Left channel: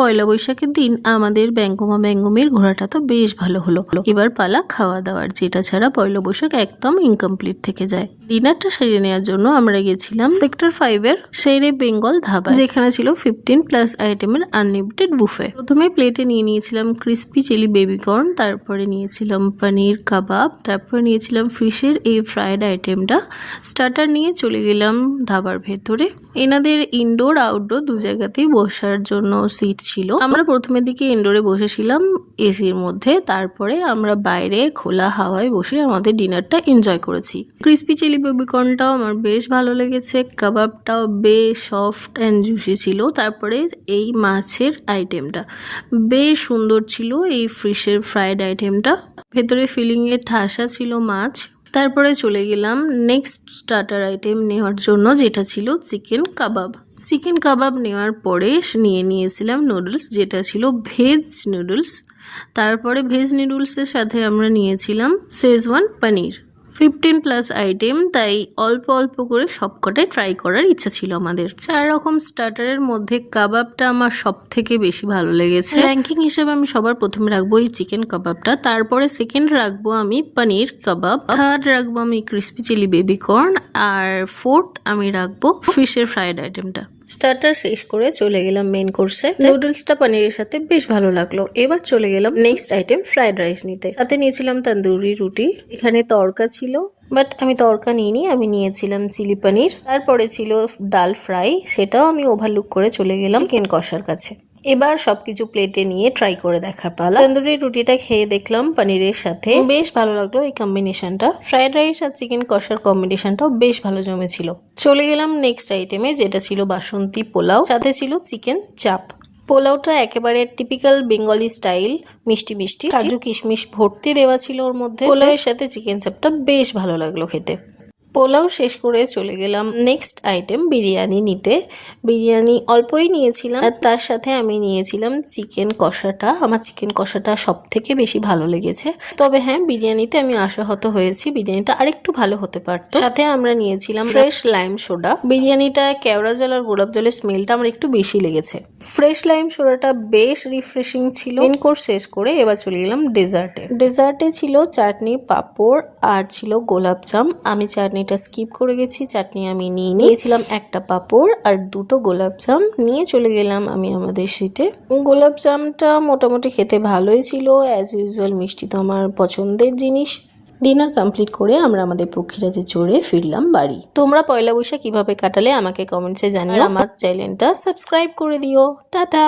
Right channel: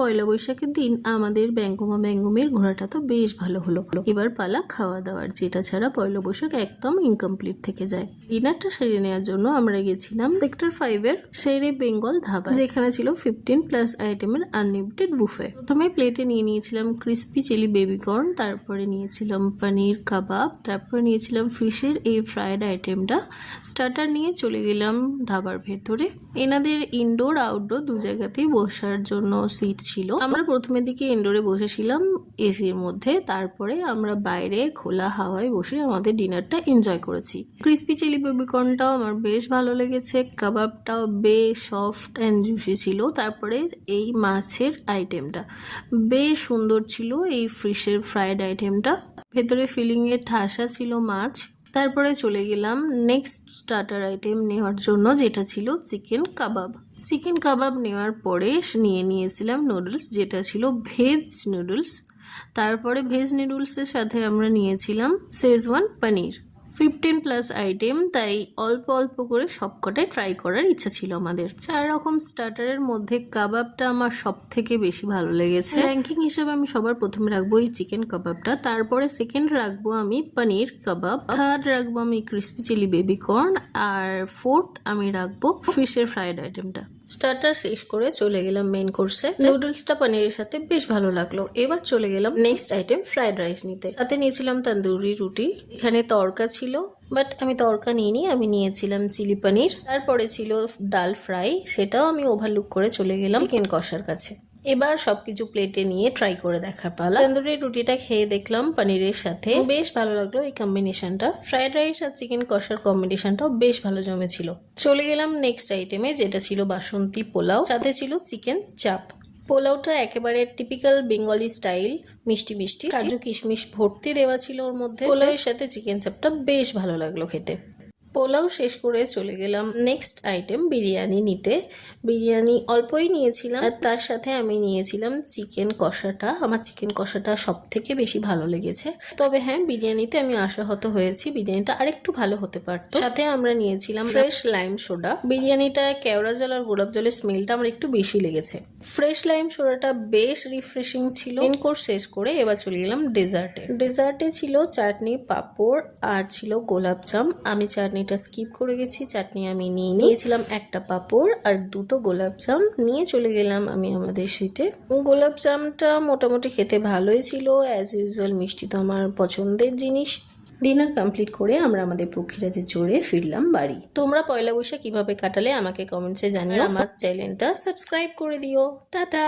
পয়লা বৈশাখের দিন আমাদের ব্যঙ্গমা ব্যঙ্গমের ঘোরাটা তো বেশ ভালো হলো। এবার পালা খাওয়া দাওয়ার, যেটা ছাড়া পয়লা বৈশাখ একদম ইনকমপ্লিট থেকে যায়। ডিনারটা সেরে নেওয়ার জন্য আমরা গেছিলাম সেক্টর 5 এর শেরে বেঙ্গল ধাবা, যেখানে ছিল 15+ আইটেমের আনলিমিটেড বুফে। প্রথমে প্লেটে নিয়ে নিয়েছিলাম ক্রিস্পি চিলি বেবিকর্ন, তারপরে নিয়েছিলাম পনির কাবাব, তারপরে নিয়েছিলাম ফিশের এই ফ্রাইড আইটেমটা। স্টার্টার নিয়ে চলে গেলাম ধাবার ভেতরে। এনাদের ইনডোর আউটডোর দু জায়গাতেই বসার জন্য সিট ছিল। আমরা প্রথমের দিকে ইনডোরে বসেছিলাম এসির মধ্যে, তারপরে আমরা বাইরে খোলা হাওয়ায় বসে আমাদের ডিনারটা এনজয় করেছি। ক্রিস্পি চিলি বেবিকর্নটাও আমার বেশ ভালো লেগেছে, কাবাবটাও বেশ সফট অ্যান্ড জুসি ছিল। তারপরে এই মাছের আইটেমটা বেশ সুন্দর ছিল, এই ফিশের ফ্রাইড আইটেমটা, ভেতরে ফিলিংয়ে ঠাসা ছিল মাছ। তারপরে চলে গেলাম নেক্সট স্টার্টার আইটেম নেওয়ার জন্য, যেটা ছিল চিকেন কাবাব। চিকেন কাবাব নেওয়ার পরে নিয়ে নিয়েছিলাম নুডলস, যেটা ছিল ভেজ নুডলস। তারপরে ভেজ নুডলসের সাথে আমরা নিয়েছিলাম শেজওয়ান পনির। 15+ আইটেম, তাই অল্প অল্প করে সবকটাই ট্রাই করার ইচ্ছা ছিল আমাদের। 4 রকম স্টার্টারের মধ্যে কাবাবটা আমার সব থেকে বেশি ভালো লেগেছে। র্যাঙ্কিং হিসেবে আমি সবার প্রথমে রাখবো এই চিকেন কাবাবটা, তারপরে সেকেন্ড রাখবো আমি পনির কাবাব, থার্ড রাখবো আমি ক্রিস্পি চিলি বেবিকর্ন, আর ফোর্থ আমি রাখবো ফিশের ফ্রাইড আইটেমটা। স্টার্টার শেষ করে চলে গেলাম মেন কোর্সে। নুডলসটা পনিরের সাথে বেশ ভালো লাগলো। এবার চলে গেলাম নেক্সট আইটেম ফ্রাইড রাইস নিতে। সাথে নিয়েছিলাম তন্দুরি রুটি, এখানে তড়কা ছিল, বাট আমি তড়কা নিইনি, আমি নিয়েছিলাম চিলি পনির। তারপরে ছিল ডাল ফ্রাই, সেটাও আমি ওভারলুক করে চলে গেলাম চিকেন কষার কাছে। এবার সবকিছু প্লেটে নিয়ে ট্রাই করে দেখার পালা। তন্দুরি রুটিটা খেয়ে দেখলাম পনিরের সাথে, বেশ ভালো লাগলো এই কম্বিনেশনটা। ফ্রাইড রাইস আর চিকেন কষার কম্বিনেশনটাও বেশ ভালো জমেছিল। চলে গেলাম নেক্সট আইটেমে, যেটা ছিল বাসন্তী পোলাও, সাথে ছিল চিকেন চাপ। পোলাওটা একেবারে টিপিক্যাল বেঙ্গলি স্টাইল, মিষ্টি মিষ্টি, কাজু কিশমিশ ভর্তি দেওয়া ছিল ওর মধ্যে। পোলাওয়ের সাথে চিকেন চাপটা বেশ ভালো লাগলো খেতে। পোলাও শেষ করে চলে গেলাম নেক্সট আইটেম বিরিয়ানি নিতে। বিরিয়ানি অল্পই নিয়েছিলাম, আর তার সাথে আমি নিয়েছিলাম চিকেন কষাটা। আমার চিকেন কষাটা সব থেকে বেশি ভালো লেগেছে। তবে হ্যাঁ, বিরিয়ানিতে আমি আশাহত হয়েছি, বিরিয়ানিটা আরেকটু ভালো হতে পারতো। সাথে আমরা নিয়েছিলাম ফ্রেশ লাইম সোডা। বিরিয়ানিটা কেওড়া জল আর গোলাপ জলের স্মেলটা আমার একটু বেশি লেগেছে। ফ্রেশ লাইম সোডাটা বেশ রিফ্রেশিং ছিল। মেন কোর্স শেষ করে এবার চলে গেলাম ডেজার্টে। ডেজার্টে ছিল চাটনি, পাঁপড় আর ছিল গোলাপজাম। আমি চাটনিটা স্কিপ করে গেছি, চাটনি আমি নিয়েছিলাম একটা পাঁপড় আর 2টো গোলাপজাম নিয়ে চলে গেলাম আমি আমাদের সিটে। গোলাপজামটা মোটামুটি খেতে ভালোই ছিল, অ্যাজ ইউজুয়াল মিষ্টি তো আমার পছন্দের জিনিস। ডিনার কমপ্লিট করে আমরা আমাদের পক্ষীরাজে চড়ে ফিরলাম বাড়ি। তোমরা পয়লা বৈশাখ কিভাবে কাটালে আমাকে কমেন্টসে জানিও। আমার চ্যানেলটা সাবস্ক্রাইব করে দিও। টাটা।